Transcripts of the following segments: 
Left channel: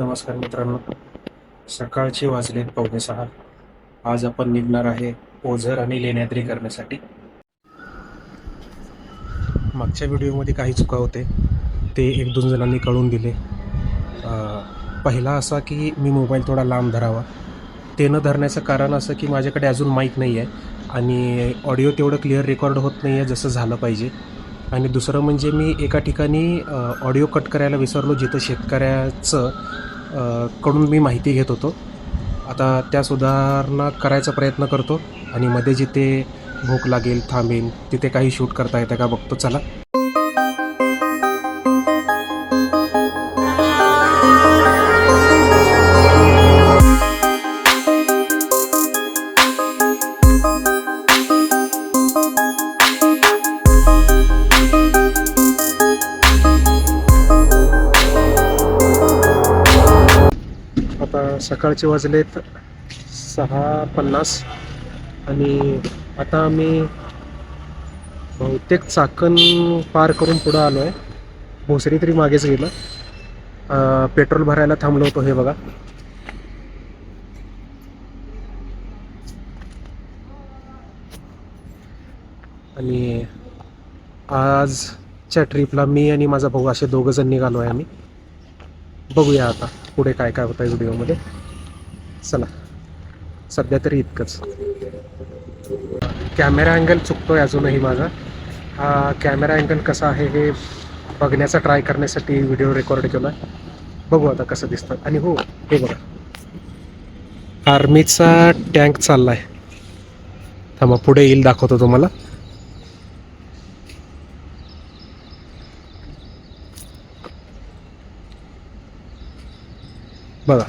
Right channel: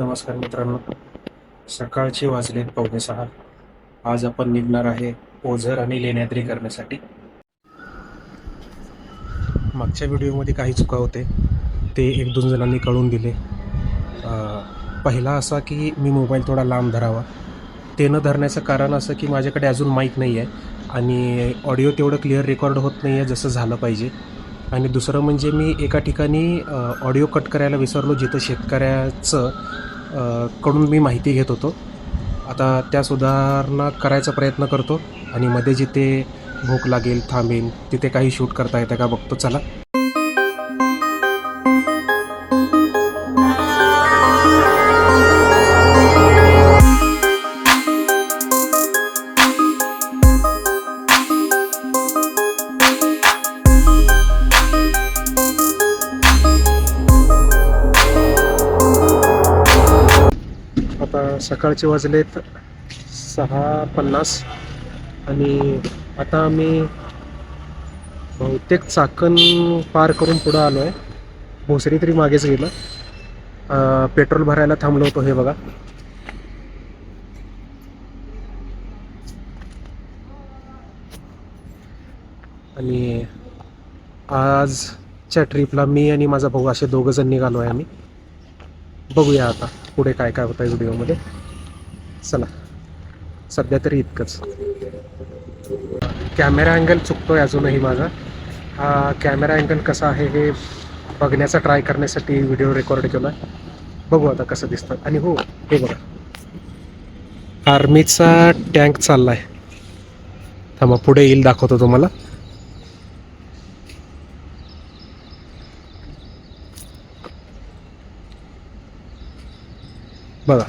नमस्कार मित्रांनो, सकाळचे वाजलेत 5:45. आज आपण निघणार आहे ओझर आणि लेण्याद्री करण्यासाठी. मागच्या व्हिडिओमध्ये काही चुका होते ते एक दोन जणांनी कळून दिले. पहिला असा की मी मोबाईल थोडा लांब धरावा. ते न धरण्याचं कारण असं की माझ्याकडे अजून माईक नाही आहे आणि ऑडिओ तेवढं क्लिअर रेकॉर्ड होत नाही आहे जसं झालं पाहिजे. आणि दुसरं म्हणजे मी एका ठिकाणी ऑडिओ कट करायला विसरलो, जिथं शेतकऱ्याचं कडून मी माहिती घेत होतो. आता त्या सुधारणा करायचा प्रयत्न करतो आणि मध्ये जिथे भूक लागेल थांबेन तिथे काही शूट करता येतं का बघतो. चला. आता सकाळचे वाजलेत 6:50 आणि आता आम्ही बहुतेक चाकण पार करून पुढं आलो आहे. भोसरी तरी मागेच गेलं. पेट्रोल भरायला थांबलो होतो. हे बघा, आणि आजच्या ट्रिपला मी आणि माझा भाऊ असे दोघं जण निघालो आहे आम्ही. बघूया आता पुढे काय काय होतं आहे व्हिडिओमध्ये. चला, सध्या तरी इतकंच. कॅमेरा अँगल चुकतोय अजूनही माझा. हा कॅमेरा अँगल कसा आहे हे बघण्याचा ट्राय करण्यासाठी व्हिडिओ रेकॉर्ड केला. बघू आता कसं दिसतं. आणि हो, हे बघा, आर्मीचा टँक चाललाय. थांबा, पुढे येईल दाखवतो तुम्हाला. बघा,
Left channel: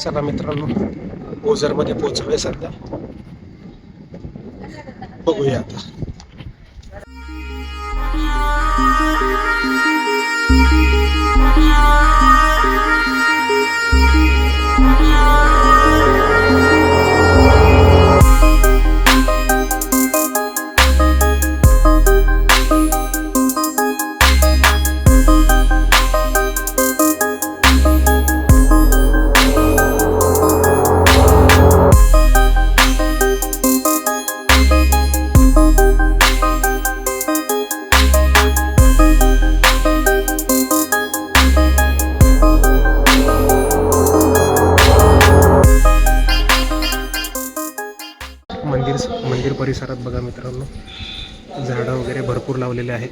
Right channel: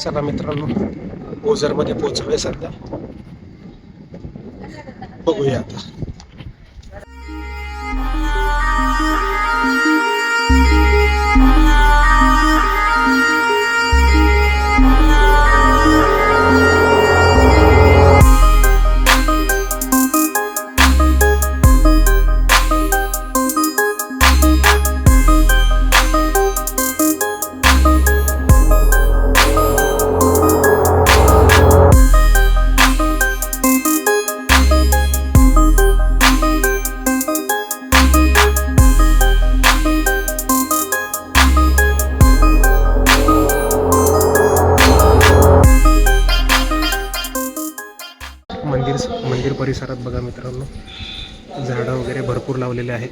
चला मित्रांनो, ओझरमध्ये पोहोचलोय सध्या. बघूया आता. मंदिर परिसरात बघा मित्रांनो, झाडं वगैरे भरपूर लावलेले आहेत.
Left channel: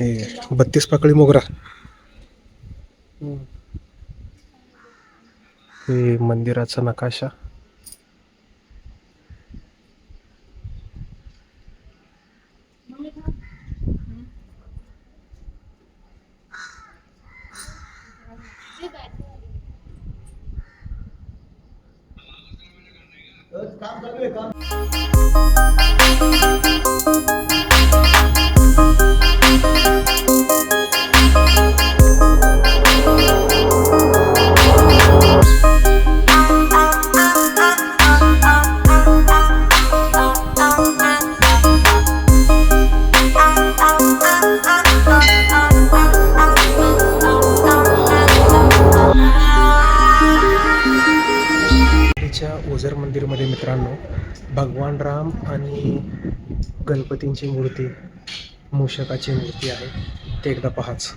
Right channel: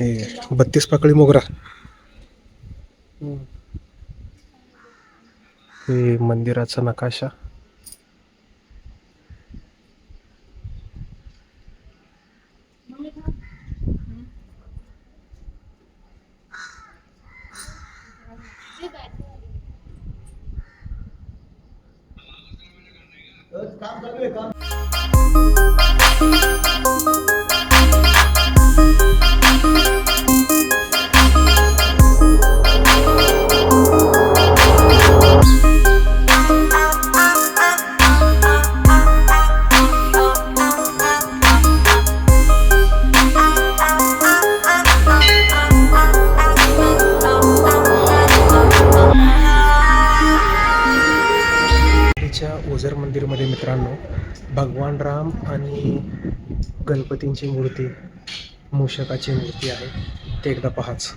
हे 32 पाकळी मोगरा. हे मंदिराचा नकाशा. ओझर मंदिरमध्ये मित्रांनो, भगवान राम आणि गणपतींची मूर्ती, मूषकाची मूर्ती आहे. ते एकदा पहाच.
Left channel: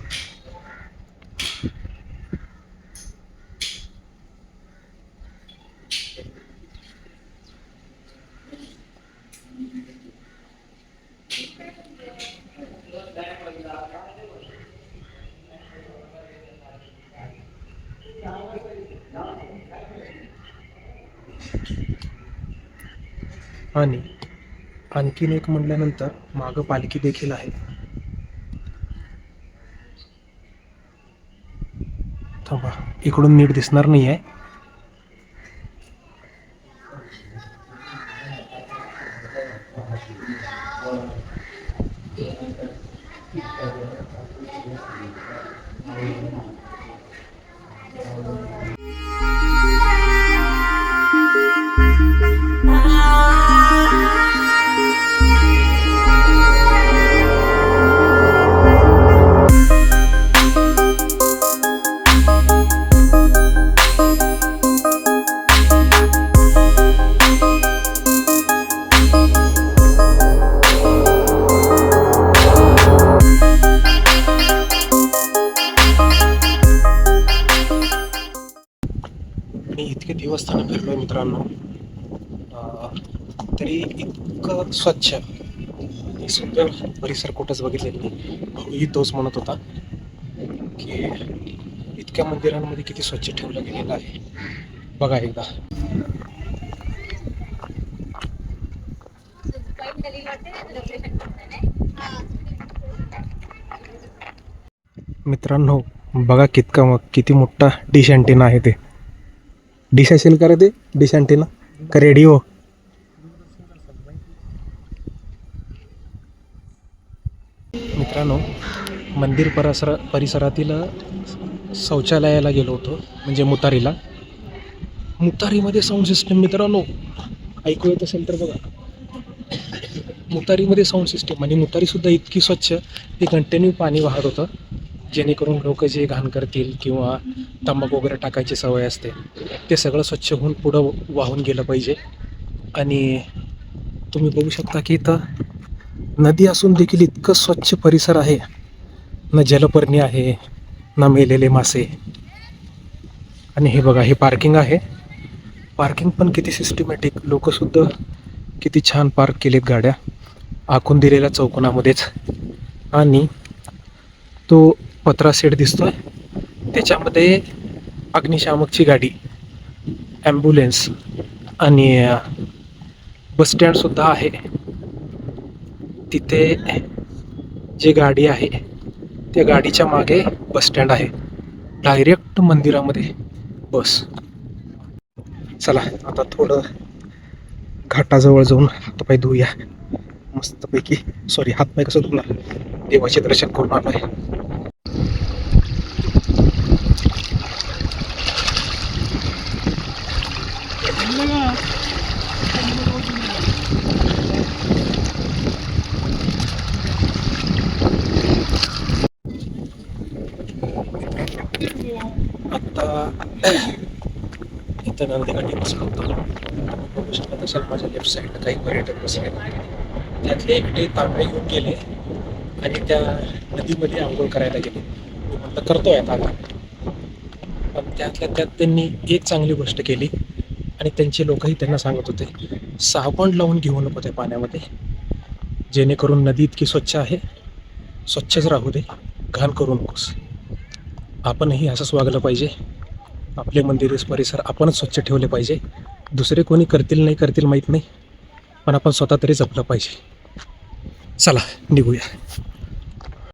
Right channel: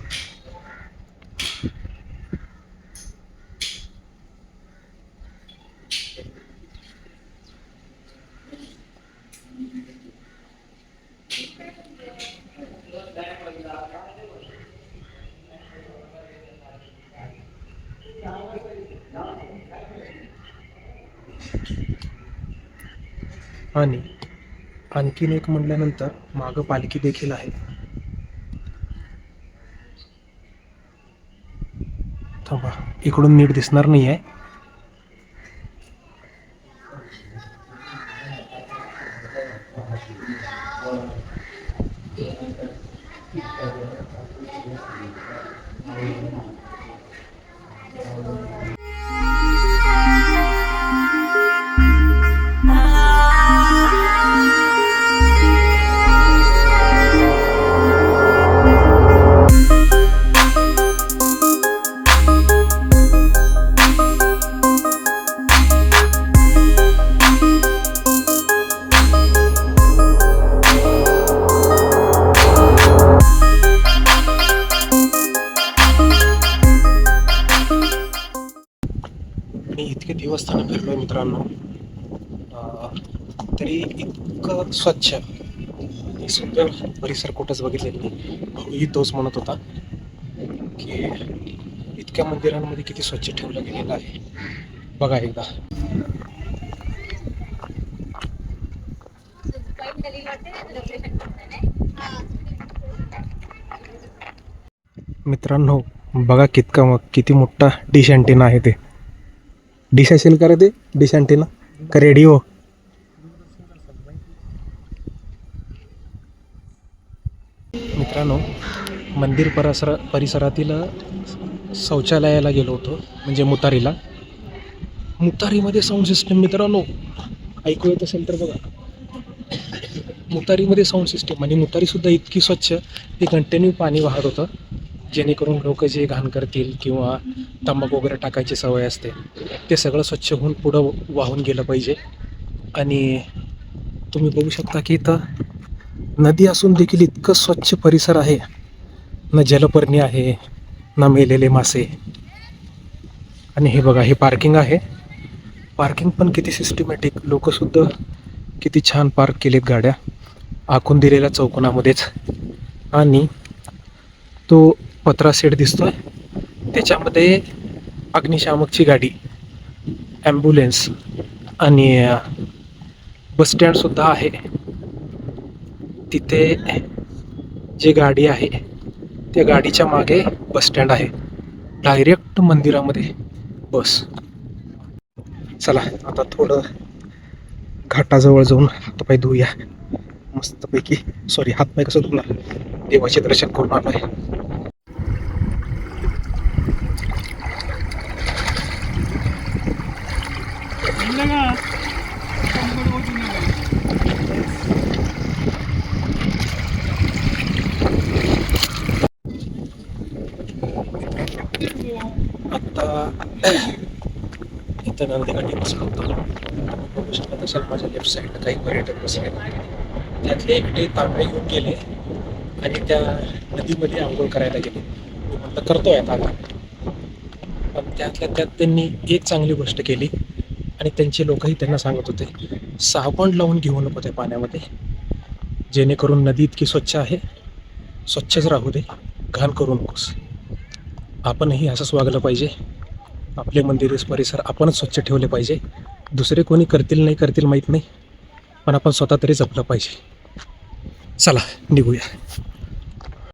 आणि आणखीन एक म्हटल्यानंतर मागं पालखी देखील आहे. थांबा, इकडून नीट दिसणार नाही आहे. मी इतके देवस्थानं फिरलोय मित्रांनो, तरी इतकं स्वच्छ आणि सुंदर परिसर कुठंच बघितलेलं नाही. भाऊही तोच म्हणत होता की इतक्या मंदिरांमध्ये किती स्वच्छ ठेवलं गेलेलं आहे. बघा एकदा. मित्रांनो बघा किती मोठा डिश अँटेना आहे. ते डिश असेल का रे, ते डिश अँटेना का रेडिओ? मित्रांनो मंदिर परिसरातील शौचालयाला गेलो होतो, म्हणजे मुतारीला. मुतारीमध्ये साऊंड सिस्टीम मित्रांनो, ऐकू येत असेल तर बघा. मुतारीमध्ये साऊंड सिस्टीम आणि मुतारीसुद्धा इतकी स्वच्छ, ते कंटिन्यू पाणी वाहत होतं, जेणेकरून लोक जे घाण करतील किंवा तंबाखू वगैरे टाकायची सवय असते ते सगळं स्वच्छ होऊन पुढं वाहून गेलं पाहिजे. आणि तुम्ही बघू शकता की इथं नदी असून देखील इतकं स्वच्छ परिसर आहे. ना जलपर्णी आहे, ना मेलेले मासे. आणि हे बघा, हे पार्किंग आहे. पार्किंग पण किती सिस्टमॅटिक, लोकसुद्धा किती छान पार्क केलेत गाड्या आखून दिलेल्या चौकोनामध्येच. आणि तो पत्रा सेट दिसतोय, त्याच्यामध्ये अग्निशामकची गाडी, ॲम्ब्युलन्स आणि बसस्टँडसुद्धा आहे. तिथे जी गाडी आहे त्या गाडीच्या मागे बसस्टँड आहे. डायरेक्ट मंदिरामध्ये बस. चला आता थोडं घाटाजवळ जाऊन हातपाय धुऊया मस्तपैकी. सॉरी, हातपाय कसं धुणार, देवाचे दर्शन करून आलोय. आता इथं नंदीकाठी बसलो होतो. बघू शकत असेल माझ्या लेफ्ट साईडला काही पर्यटक बसले. त्यातले एकटे तांबे घेऊन गेले आणि त्या नदीमध्ये आंघोळ करायला गेले. मी म्हटलं करतोय आता. पण त्यातल्या त्यात त्यांनी एक चांगली गोष्ट केली आणि त्यांचे लोकही त्यांना सांगत होते, साबण लावून घेऊ नको त्या पाण्यामध्ये, जेणेकरून नदी इतकी स्वच्छ आहे, स्वच्छच राहू दे, घाण करू नकोस. आपणही असंच वागलं पाहिजे. आपले मंदिर परिसर आपणच स्वच्छ ठेवले पाहिजे. दुसरे कोणी करतील नाही करतील माहीत नाही, पण आपण स्वतः तरी जपलं पाहिजे. चला निघूया.